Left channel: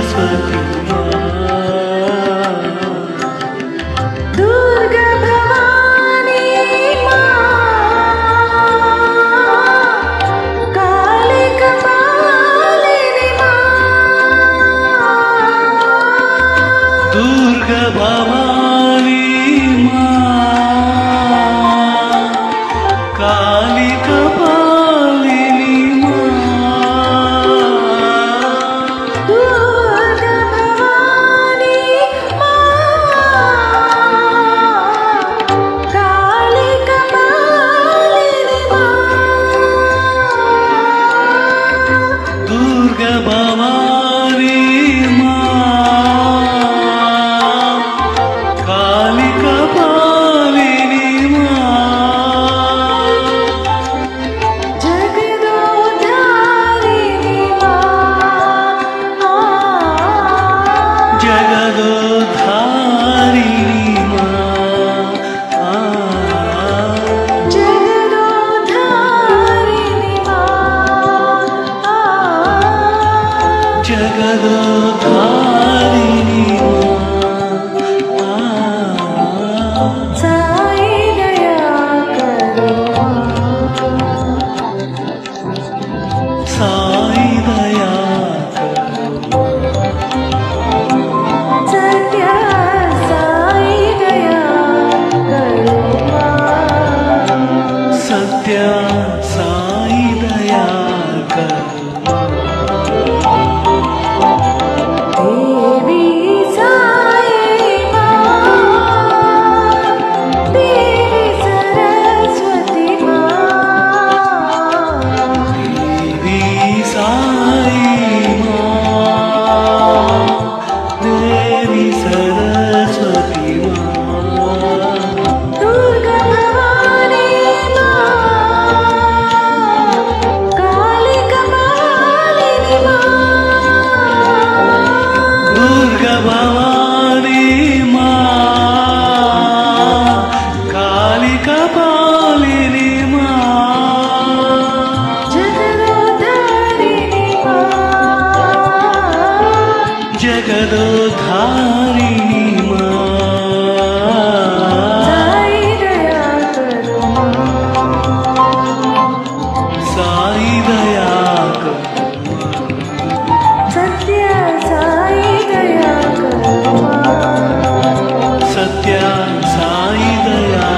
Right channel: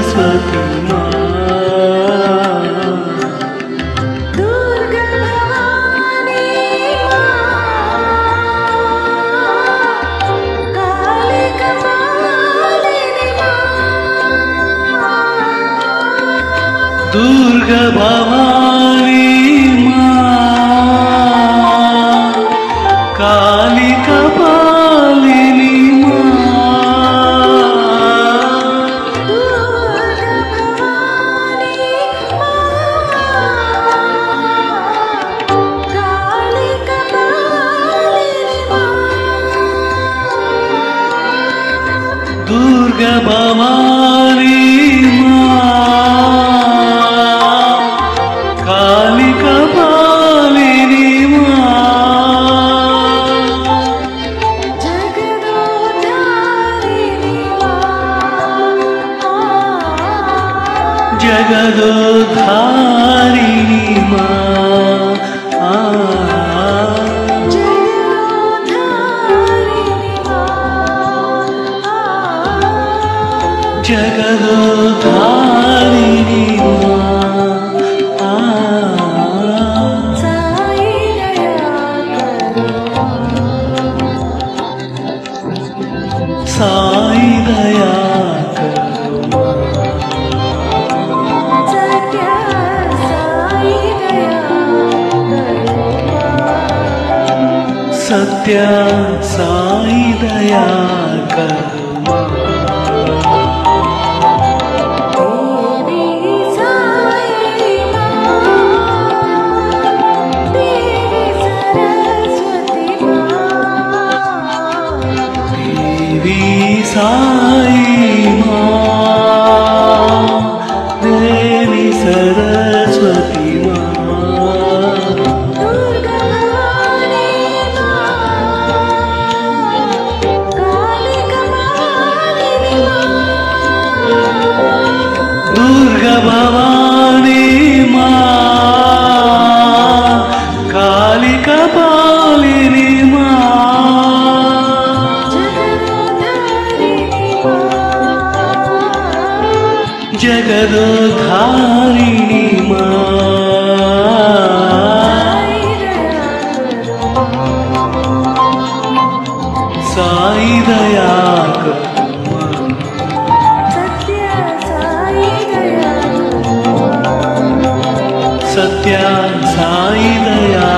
सरस्वती माँ दुर्गा भवानी माँ काली कपालिनी माँ दुर्गा भवानी माँ काली कपालिनी माँ दुर्गा भवानी माँ काली कपालिनी माँ दुर्गा भवानी माँ काली कपालिनी माँ जगदोद्धारिणी माँ जगदोद्धारिणी माँ जगदोद्धारिणी माँ जगदोद्धारिणी माँ साई दया करो साई दया करो माँ सत्य साई दया करो सत्य साई दया करो माँ देवी साई माँ देवी सरस्वती माँ देवी साई माँ देवी सरस्वती माँ दुर्गा भवानी माँ काली कपालिनी माँ दुर्गा भवानी माँ काली कपालिनी माँ जगदोद्धारिणी माँ जगदोद्धारिणी माँ साई दया करो माँ साई दया करो माँ सत्य साई दया करो माँ सत्य साई दया